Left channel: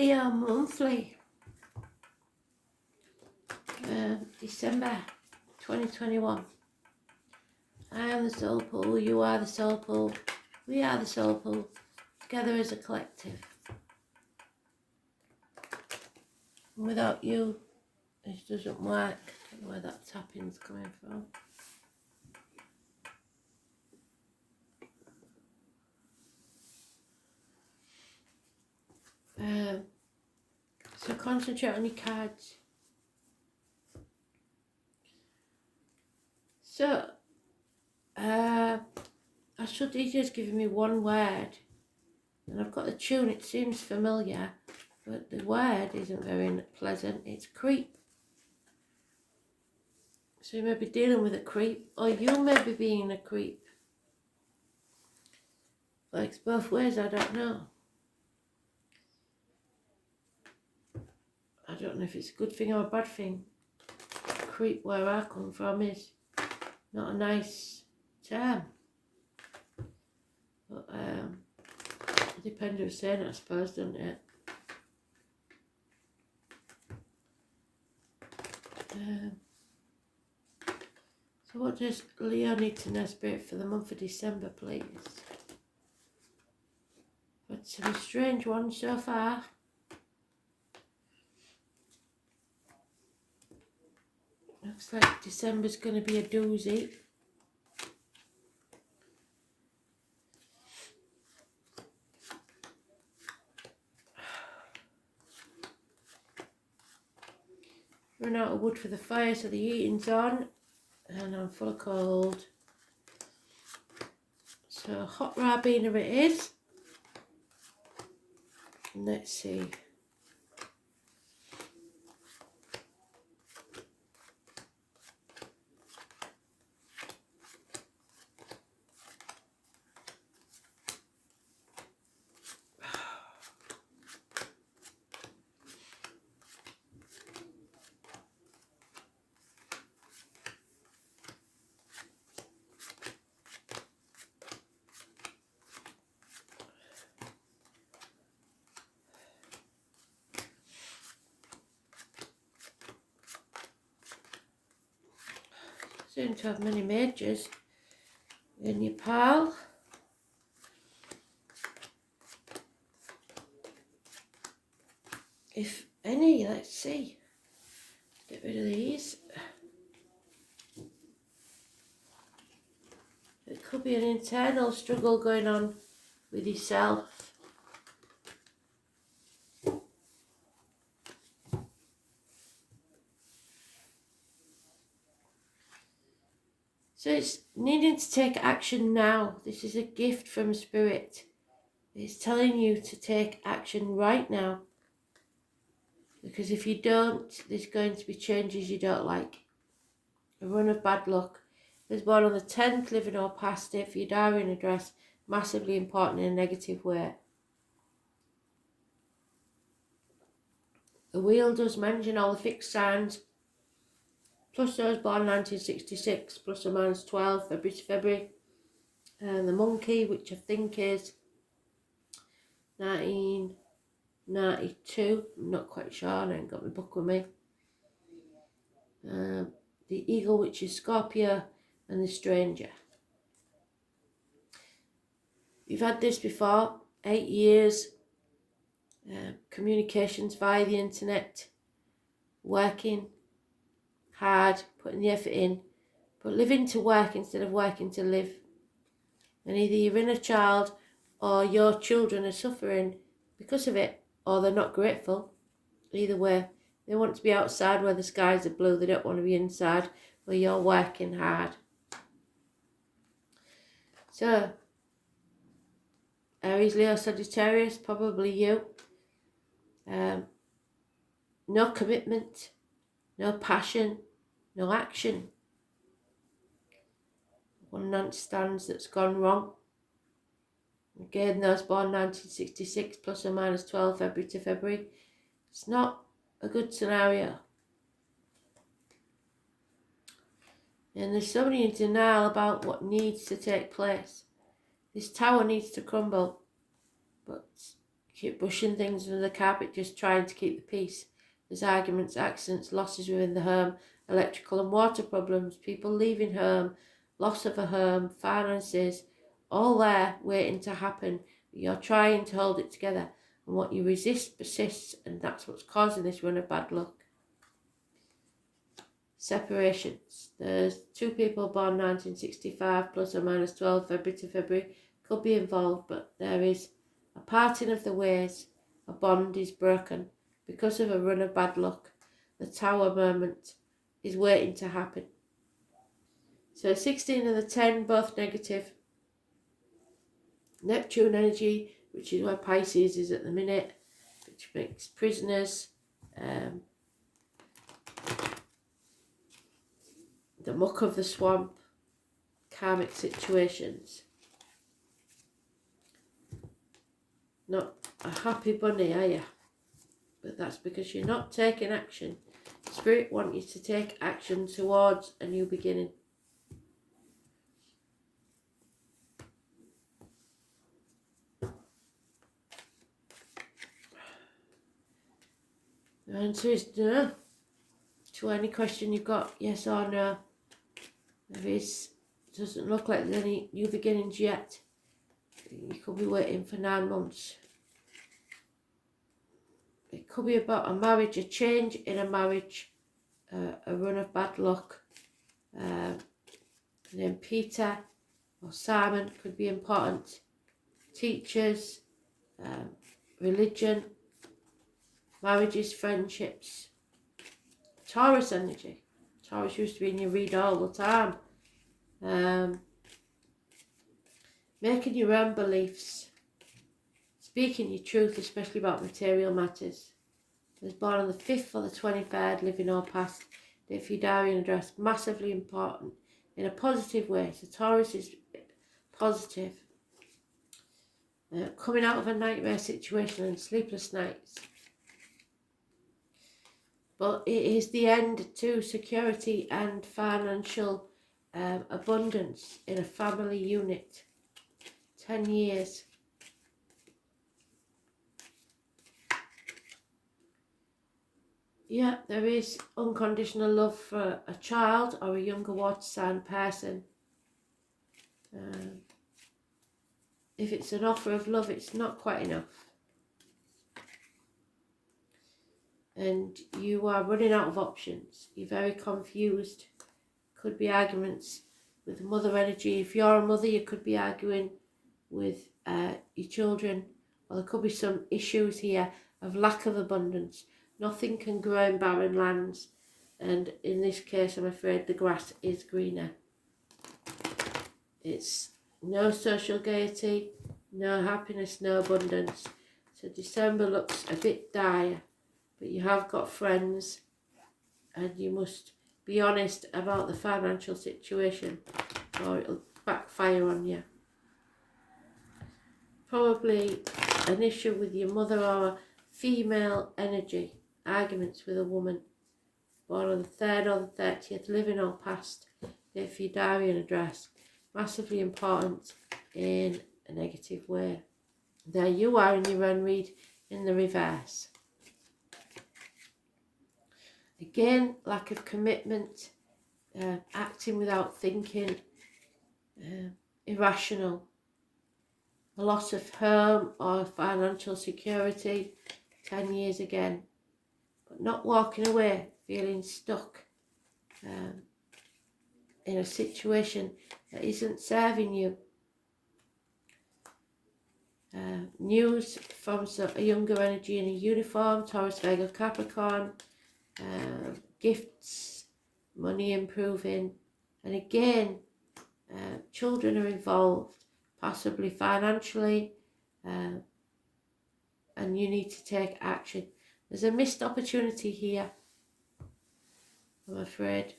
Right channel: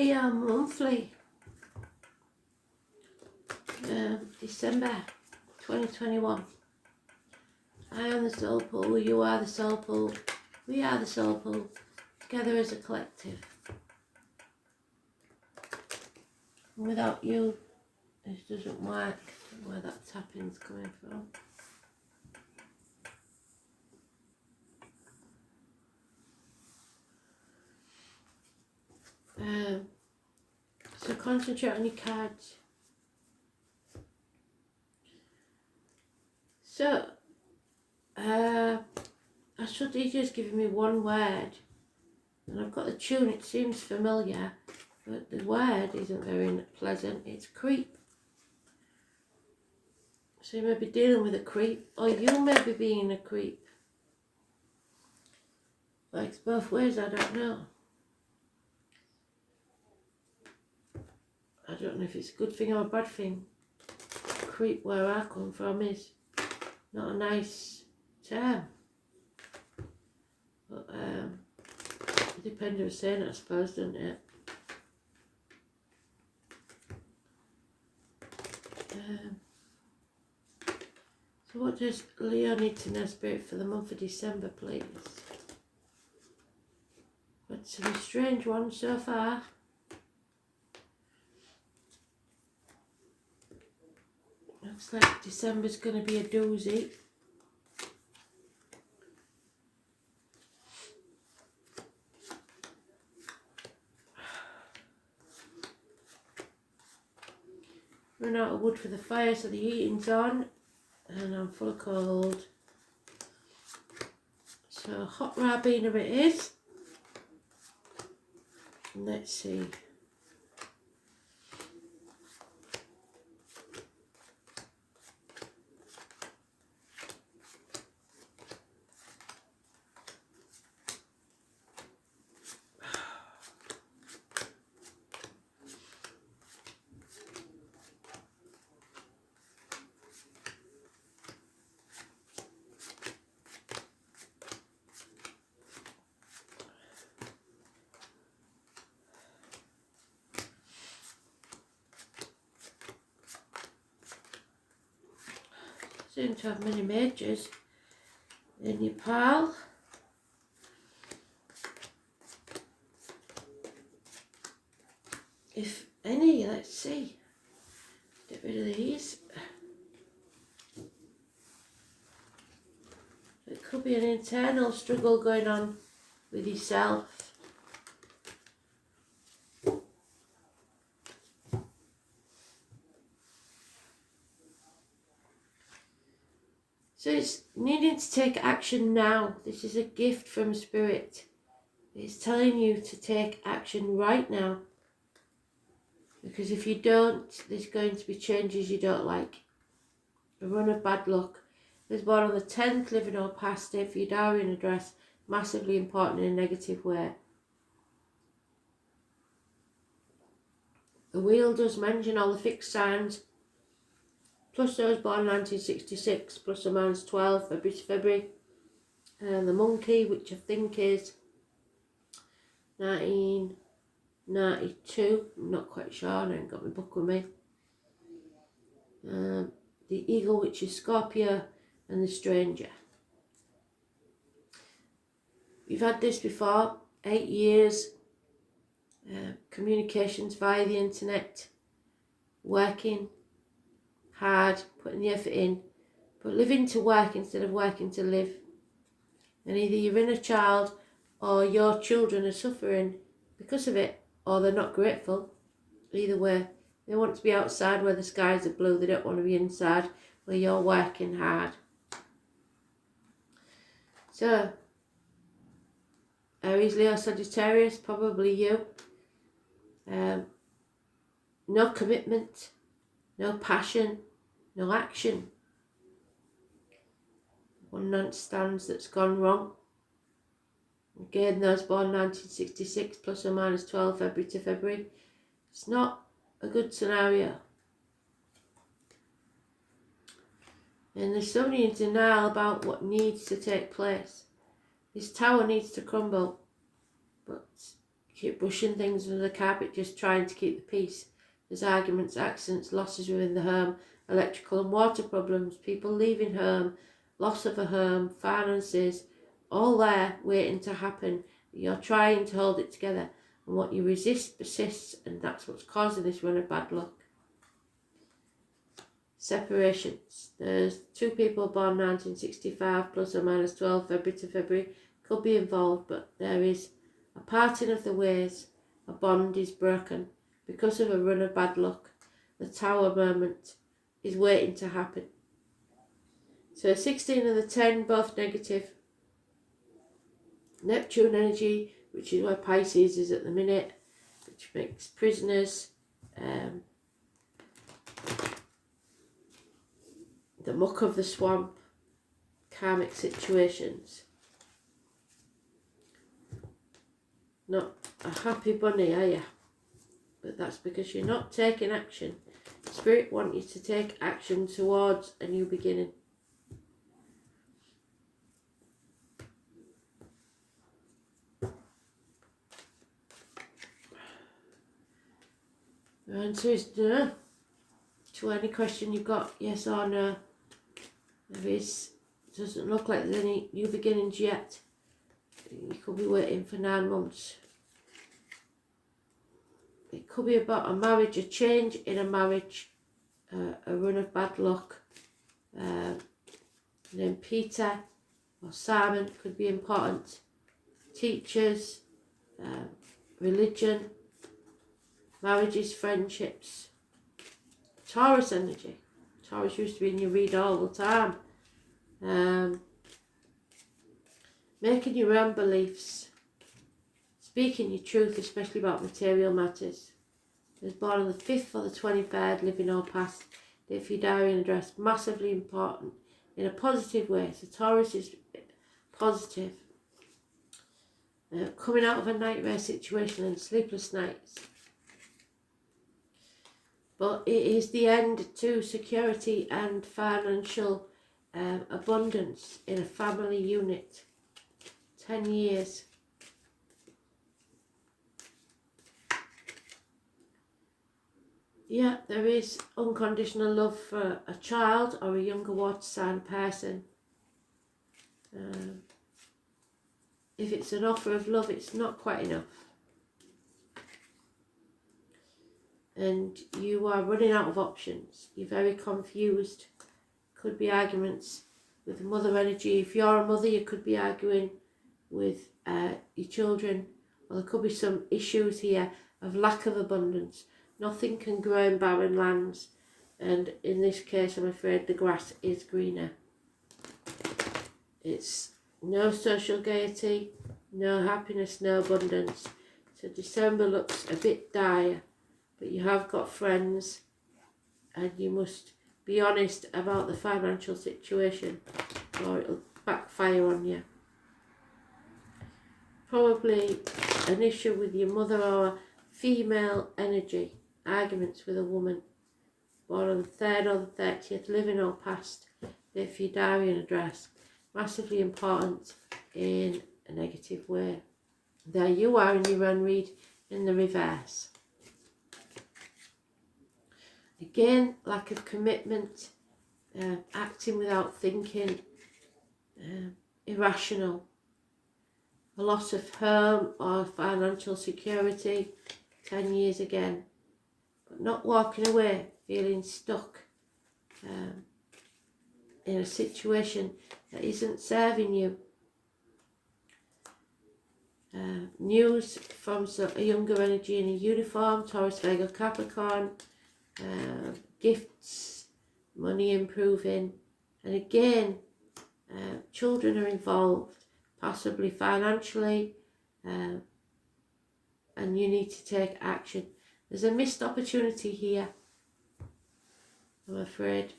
Leo monthly, December 2021. I am the soul pool, you are the soul pool, we are the soul pool, together as a collective. And without you, this doesn't work. Where that tapping's coming from. So concentrate on your cards. So, Astral DJ is giving me one word, and I've got the tune, it seems familiar, but the word isn't very pleasant. It's creep. So you may be dealing with a creep, or you may be being a creep. Works both ways, I don't know. I don't know if it's a good thing or a bad thing. Creep, where I come from, is not a nice term. But it depends who's saying it, I suppose, doesn't it? So what does Leo need to know, Spirit, for the month of December, please? But some strange ones so far. Looks like December's going to be a doozy. Run out of wood for the fire, so the heating's on. And I'm full of cold. So hot Rabina it is. Let's see. Seem to have many majors in your pile. If any, let's see. Get rid of these. It could be an internal struggle going on with yourself. So it's needing to take action now. This is a gift from Spirit. It's telling you to take action right now. Because if you don't, there's going to be changes you don't like. A run of bad luck. Was born on the 10th, living or past it, for your diary and address, massively important in a negative way. The wheel does mention all the fixed signs, plus those born 1966, plus or minus 12, February to February. And the monkey, which I think is 1992, I'm not quite sure, I haven't got my book with me. The eagle, which is Scorpio, and the stranger. You've had this before, 8 years, communications via the internet, working hard, putting the effort in, but living to work instead of working to live. And either your inner child or your children are suffering because of it, or they're not grateful. Either way, they want to be outside where the skies are blue, they don't want to be inside where you're working hard. So, Aries, Leo, Sagittarius, probably you. No commitment, no passion, no action. One night stands that's gone wrong. Again, those born 1966, plus or minus 12, February to February. It's not a good scenario. And there's somebody in denial about what needs to take place. This tower needs to crumble. But keep brushing things under the carpet, just trying to keep the peace. There's arguments, accidents, losses within the home, electrical and water problems, people leaving home, loss of a home, finances, all there waiting to happen. You're trying to hold it together, and what you resist persists, and that's what's causing this run of bad luck. Separations. There's 2 people born 1965 plus or minus 12 February to February could be involved, but there is a parting of the ways. A bond is broken because of a run of bad luck. The Tower moment is waiting to happen. So 16 and the 10, both negative. Neptune energy, which is where Pisces is at the minute, which makes prisoners. The muck of the swamp, karmic situations. Not a happy bunny, are you? But that's because you're not taking action. Spirit wants you to take action towards a new beginning. The answer is no. To any question you've got, yes or no. Doesn't look like there's any new beginnings yet. You could be waiting for 9 months. It could be about a marriage, a change in a marriage, a run of bad luck. And then Peter or Simon could be important. Teachers, religion, marriages, friendships. Taurus energy. Taurus used to be in your read all the time. Making your own beliefs. Speaking your truth, especially about material matters. Was born on the 5th or the 23rd, living or past. Date for your diary and address. Massively important in a positive way. So Taurus is positive. Coming out of a nightmare situation and sleepless nights. But it is the end to security and financial abundance in a family unit. 10 years. Yeah, there is unconditional love for a child or a younger water sign person. If it's an offer of love, it's not quite enough. And you are running out of options. You're very confused. Could be arguments with mother energy. If you're a mother, you could be arguing with your children. Or there could be some issues here of lack of abundance. Nothing can grow in barren lands. And in this case, I'm afraid the grass is greener. It's no social gaiety, no happiness, no abundance. So December looks a bit dire. But you have got friends, and you must be honest about the financial situation or it'll backfire on you. Probably an issue with your mother or female energy, arguments with a woman. Born on the 3rd or the 30th, living or past. If your diary and address. Massively important in a negative way. There you are in your own read in the reverse. Again, lack of commitment, acting without thinking, irrational, a loss of home or financial security, 10 years again, but not walking away, feeling stuck in a situation that isn't serving you. News from a younger energy in a uniform, Taurus, Virgo, Capricorn, gifts, money improving, and again children are involved, possibly financially, and you need to take action. There's a missed opportunity here, I'm afraid.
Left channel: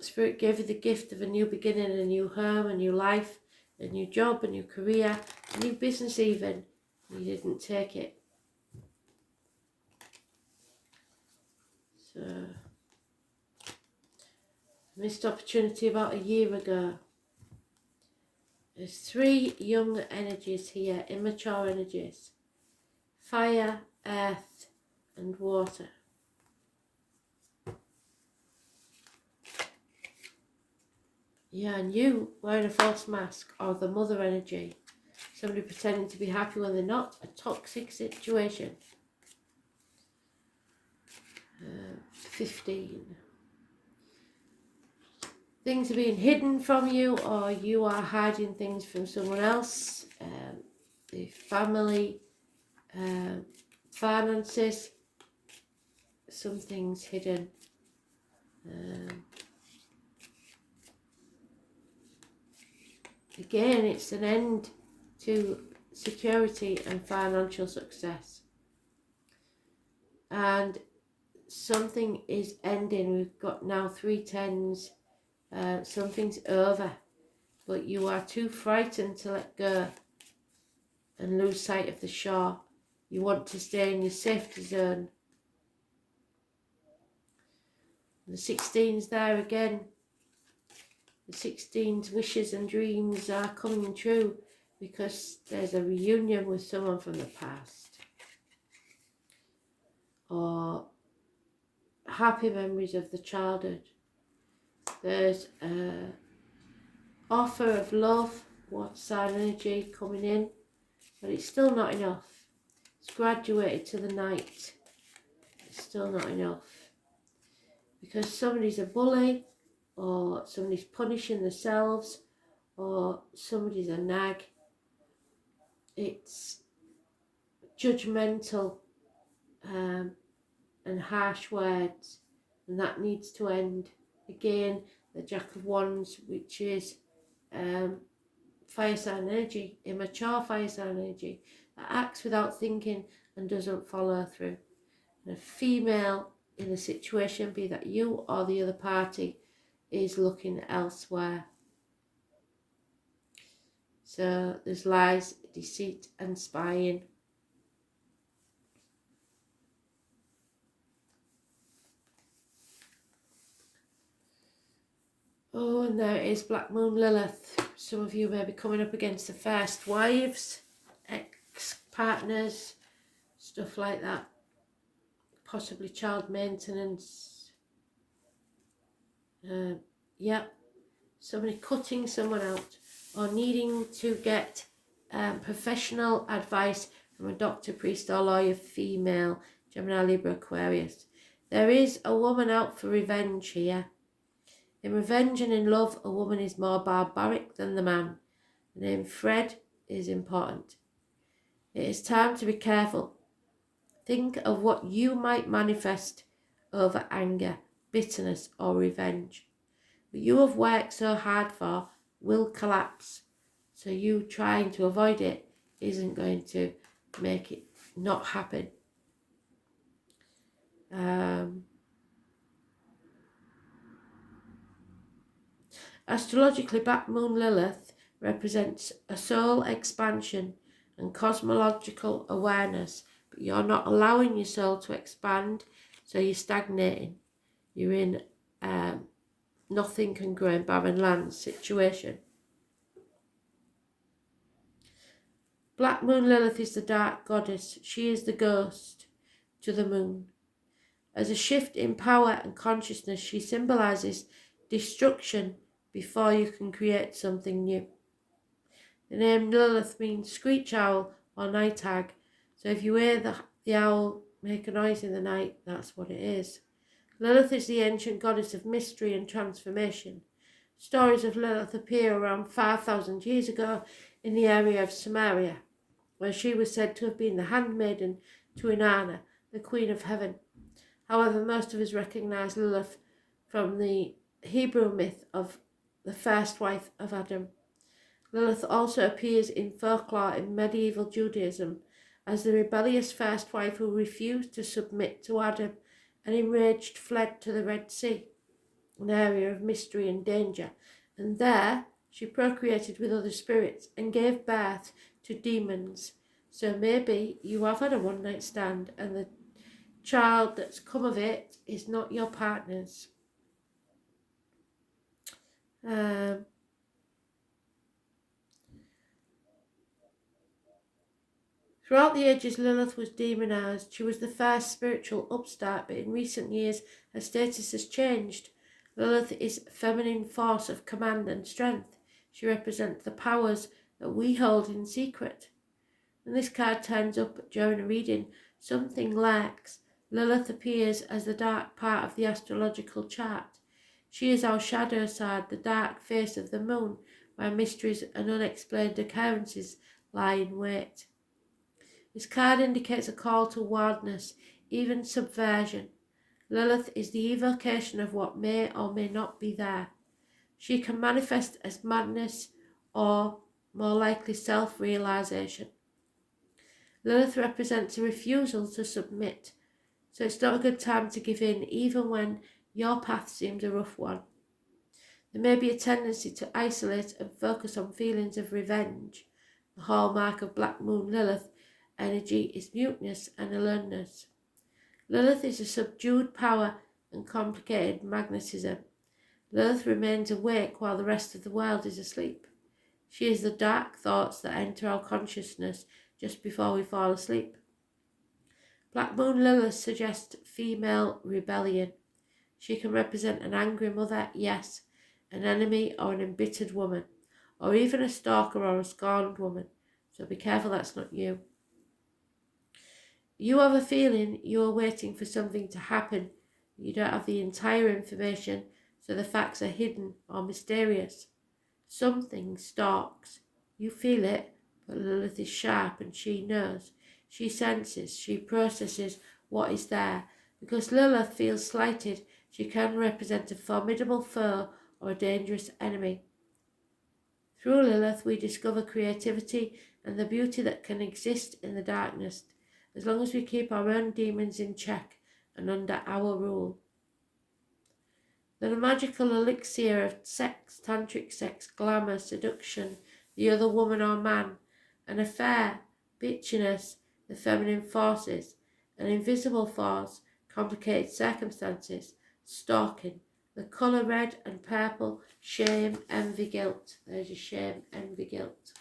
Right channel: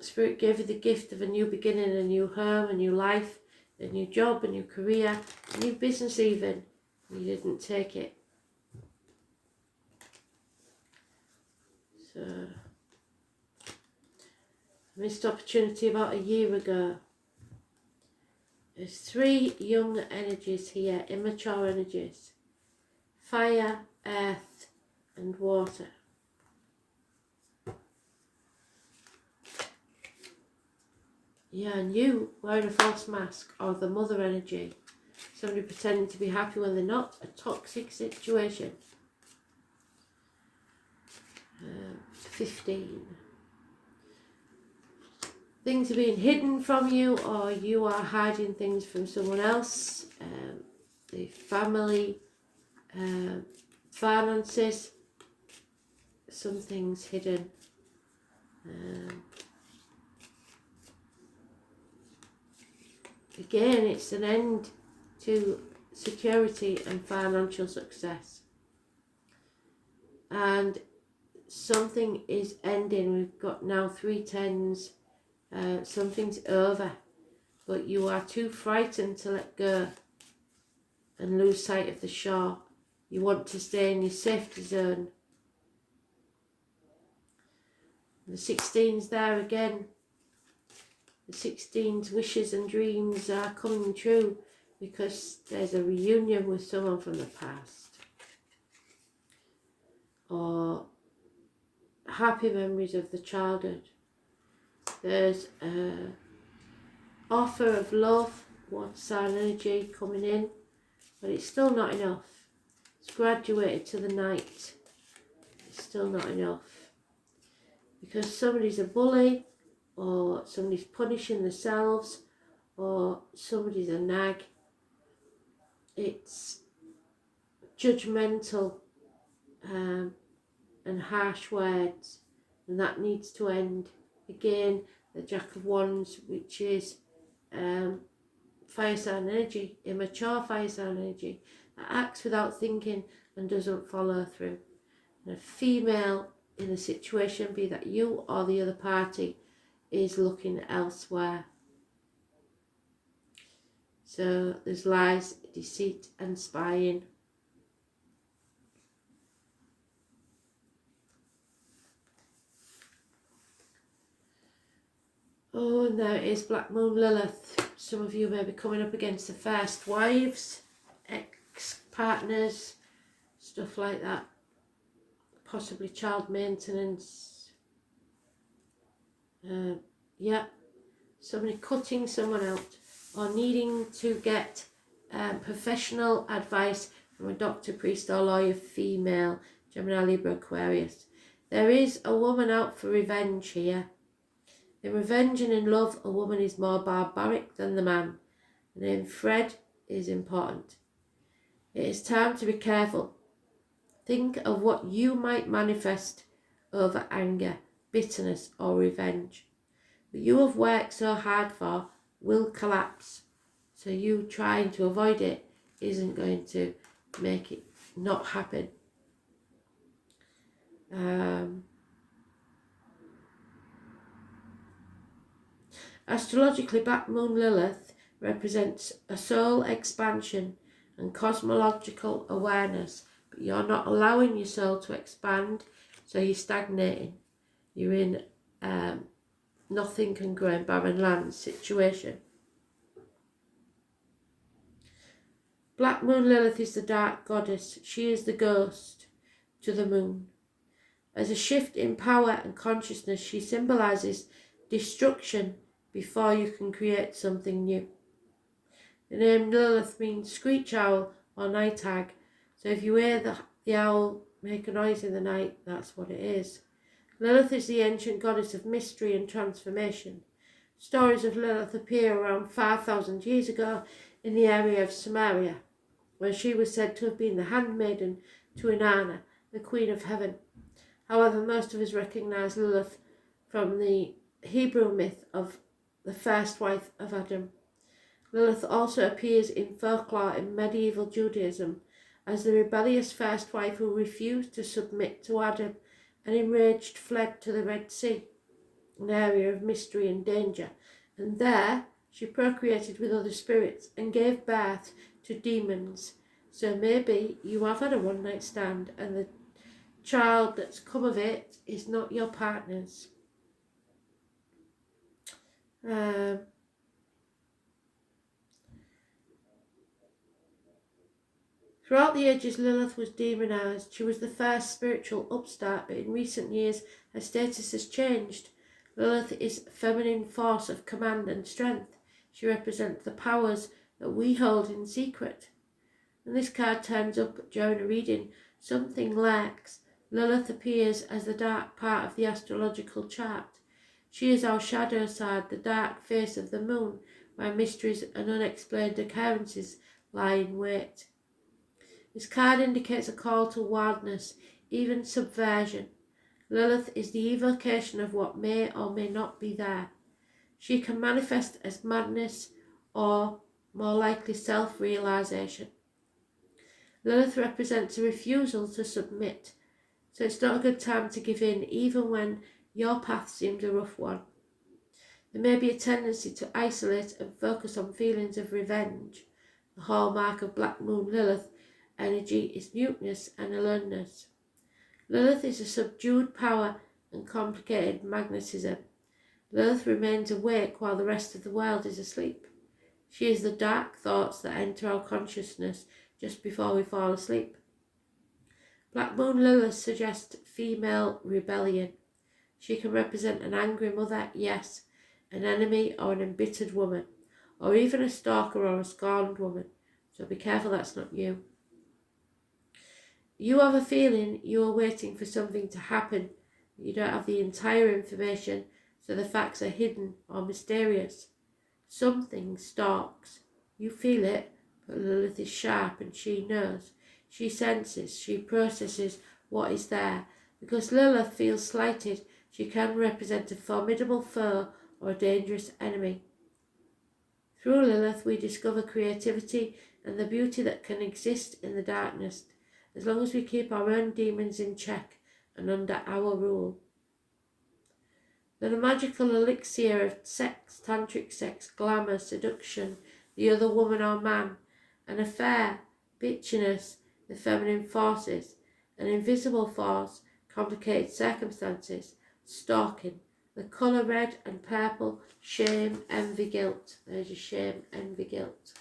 Spirit gave you the gift of a new beginning, a new home, a new life, a new job, a new career, a new business even. You didn't take it. So, missed opportunity about a year ago. There's 3 young energies here, immature energies. Fire, earth and water. Yeah, and you wearing a false mask, or the mother energy. Somebody pretending to be happy when they're not. A toxic situation. 15. Things are being hidden from you, or you are hiding things from someone else. The family, finances, something's hidden. Again, it's an end to security and financial success. And something is ending. We've got now 3 tens. Something's over. But you are too frightened to let go and lose sight of the shore. You want to stay in your safety zone. The 16's there again. The 16's wishes and dreams are coming true because there's a reunion with someone from the past. Or happy memories of the childhood. There's an offer of love, water sign energy coming in, but it's still not enough. It's graduated to the night. It's still not enough. Because somebody's a bully, or somebody's punishing themselves, or somebody's a nag. It's judgmental and harsh words, and that needs to end. Again, the Jack of Wands, which is fire sign energy, immature fire sign energy, that acts without thinking and doesn't follow through. And a female in a situation, be that you or the other party, is looking elsewhere. So there's lies, deceit and spying. Oh, and there is Black Moon Lilith. Some of you may be coming up against the first wives, ex-partners, stuff like that. Possibly child maintenance. Yeah, somebody cutting someone out or needing to get professional advice from a doctor, priest or lawyer, female, Gemini, Libra, Aquarius. There is a woman out for revenge here. In revenge and in love, a woman is more barbaric than the man. The name Fred is important. It is time to be careful. Think of what you might manifest over anger, bitterness or revenge. What you have worked so hard for will collapse. So you trying to avoid it isn't going to make it not happen. Astrologically, Black Moon Lilith represents a soul expansion and cosmological awareness, but you're not allowing your soul to expand, so you're stagnating. You're in nothing can grow in barren land situation. Black Moon Lilith is the dark goddess. She is the ghost to the moon. As a shift in power and consciousness, she symbolises destruction before you can create something new. The name Lilith means screech owl or night hag. So if you hear the owl make a noise in the night, that's what it is. Lilith is the ancient goddess of mystery and transformation. Stories of Lilith appear around 5,000 years ago in the area of Samaria, where she was said to have been the handmaiden to Inanna, the Queen of Heaven. However, most of us recognise Lilith from the Hebrew myth of the first wife of Adam. Lilith also appears in folklore in medieval Judaism as the rebellious first wife who refused to submit to Adam and enraged fled to the Red Sea, an area of mystery and danger, and there she procreated with other spirits and gave birth to demons. So maybe you have had a one-night stand and the child that's come of it is not your partner's. Throughout the ages, Lilith was demonised. She was the first spiritual upstart, but in recent years, her status has changed. Lilith is a feminine force of command and strength. She represents the powers that we hold in secret. When this card turns up during a reading, something lacks. Lilith appears as the dark part of the astrological chart. She is our shadow side, the dark face of the moon, where mysteries and unexplained occurrences lie in wait. This card indicates a call to wildness, even subversion. Lilith is the evocation of what may or may not be there. She can manifest as madness or, more likely, self-realization. Lilith represents a refusal to submit, so it's not a good time to give in, even when your path seems a rough one. There may be a tendency to isolate and focus on feelings of revenge. The hallmark of Black Moon Lilith energy is muteness and aloneness. Lilith is a subdued power and complicated magnetism. Lilith remains awake while the rest of the world is asleep. She is the dark thoughts that enter our consciousness just before we fall asleep. Black Moon Lilith suggests female rebellion. She can represent an angry mother, yes, an enemy or an embittered woman, or even a stalker or a scorned woman. So be careful that's not you. You have a feeling you are waiting for something to happen. You don't have the entire information, so the facts are hidden or mysterious. Something stalks. You feel it, but Lilith is sharp and she knows. She senses, she processes what is there. Because Lilith feels slighted, she can represent a formidable foe or a dangerous enemy. Through Lilith, we discover creativity and the beauty that can exist in the darkness, as long as we keep our own demons in check and under our rule. The magical elixir of sex, tantric sex, glamour, seduction, the other woman or man, an affair, bitchiness, the feminine forces, an invisible force, complicated circumstances, stalking, the colour red and purple, shame, envy, guilt. There's your shame, envy, guilt.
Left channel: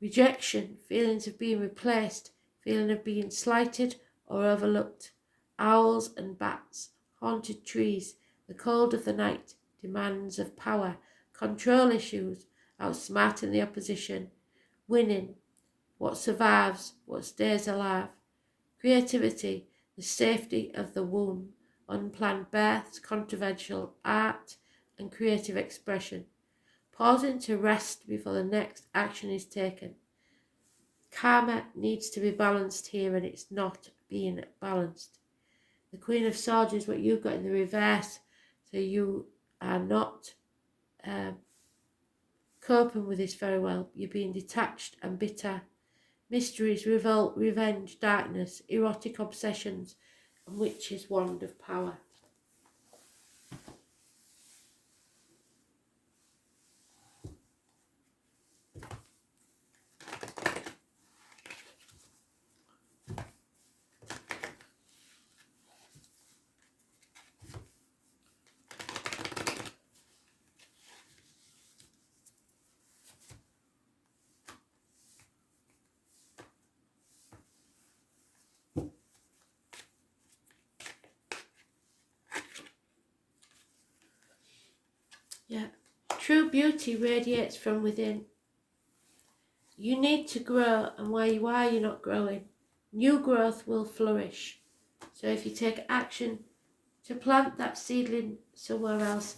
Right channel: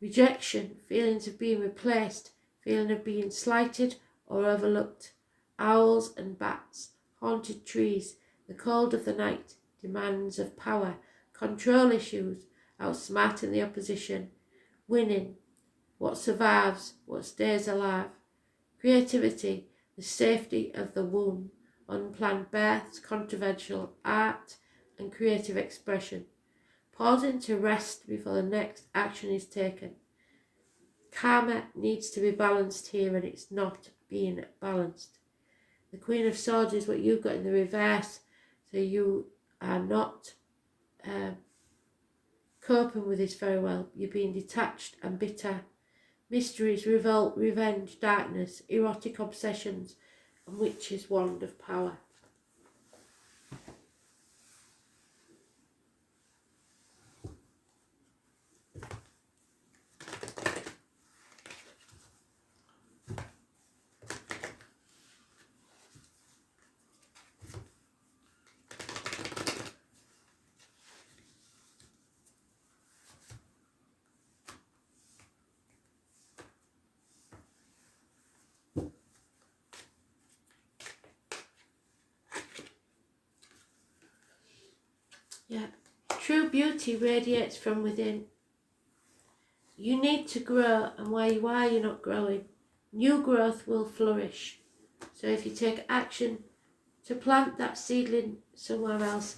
Rejection, feelings of being replaced, feeling of being slighted or overlooked. Owls and bats, haunted trees, the cold of the night, demands of power, control issues, outsmarting the opposition, winning, what survives, what stays alive. Creativity, the safety of the womb, unplanned births, controversial art and creative expression. Pausing to rest before the next action is taken. Karma needs to be balanced here and it's not being balanced. The Queen of Swords is what you've got in the reverse, so you are not coping with this very well. You're being detached and bitter. Mysteries, revolt, revenge, darkness, erotic obsessions, and witch's wand of power. Yeah, true beauty radiates from within. You need to grow, and where you are, you're not growing. New growth will flourish. So if you take action to plant that seedling somewhere else,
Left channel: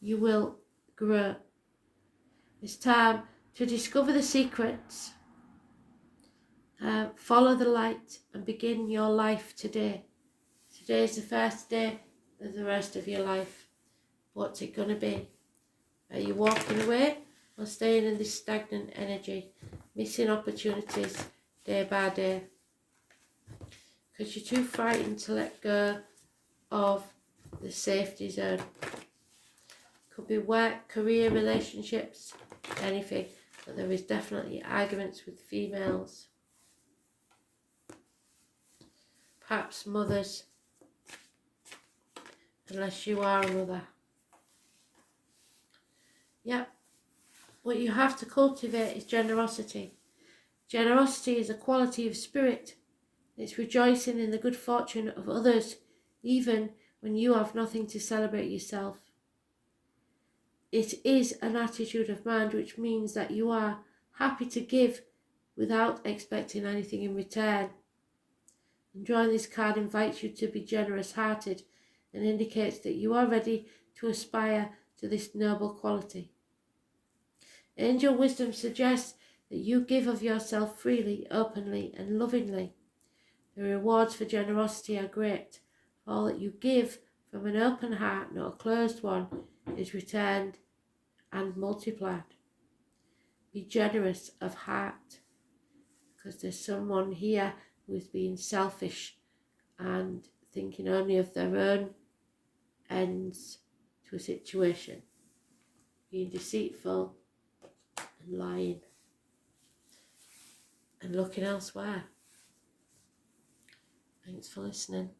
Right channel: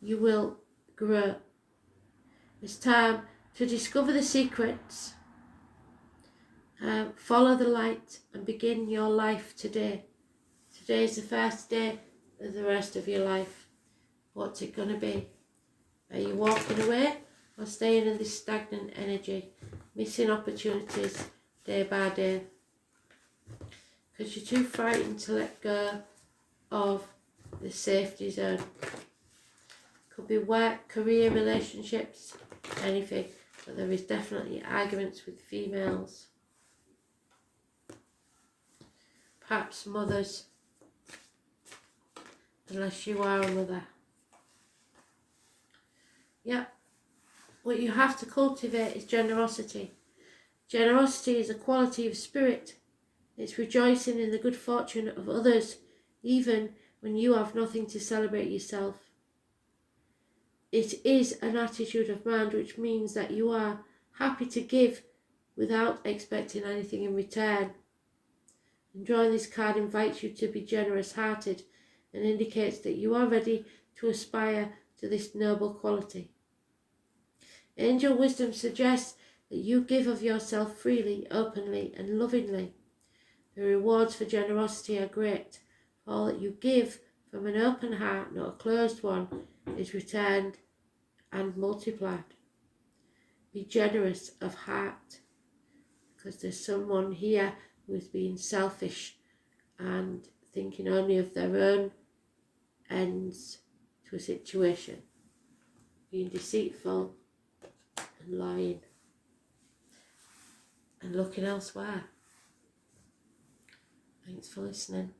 you will grow. It's time to discover the secrets, follow the light, and begin your life today. Today is the first day of the rest of your life. What's it going to be? Are you walking away or staying in this stagnant energy, missing opportunities day by day? Because you're too frightened to let go of the safety zone. Could be work, career, relationships, anything. But there is definitely arguments with females. Perhaps mothers, unless you are a mother. Yeah, what you have to cultivate is generosity. Generosity is a quality of spirit. It's rejoicing in the good fortune of others, even when you have nothing to celebrate yourself. It is an attitude of mind, which means that you are happy to give without expecting anything in return. And drawing this card invites you to be generous-hearted and indicates that you are ready to aspire to this noble quality. Angel wisdom suggests that you give of yourself freely, openly, and lovingly. The rewards for generosity are great. All that you give from an open heart, not a closed one, is returned and multiplied. Be generous of heart, because there's someone here who is being selfish and thinking only of their own ends to a situation, being deceitful and lying and looking elsewhere. Thanks for listening.